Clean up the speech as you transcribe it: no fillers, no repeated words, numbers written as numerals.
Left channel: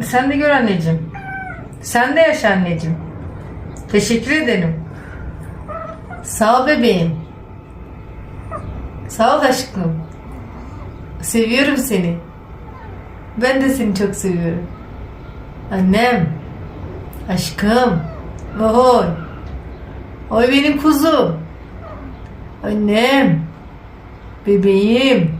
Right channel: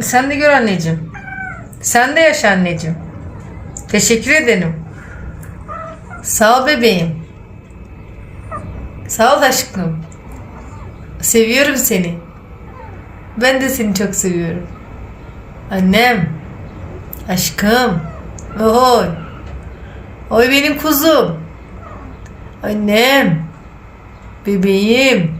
Sen de gör anneciğim. Sen de yaşa anneciğim. Teşekkür ederim. Sağ ol bebeğim. Sağ ol aşkım. Seviyorum seni. Ben de seni çok seviyorum. Annem. Aşkım. Oy. Oy benim kuzum. Annem. Bebeğim.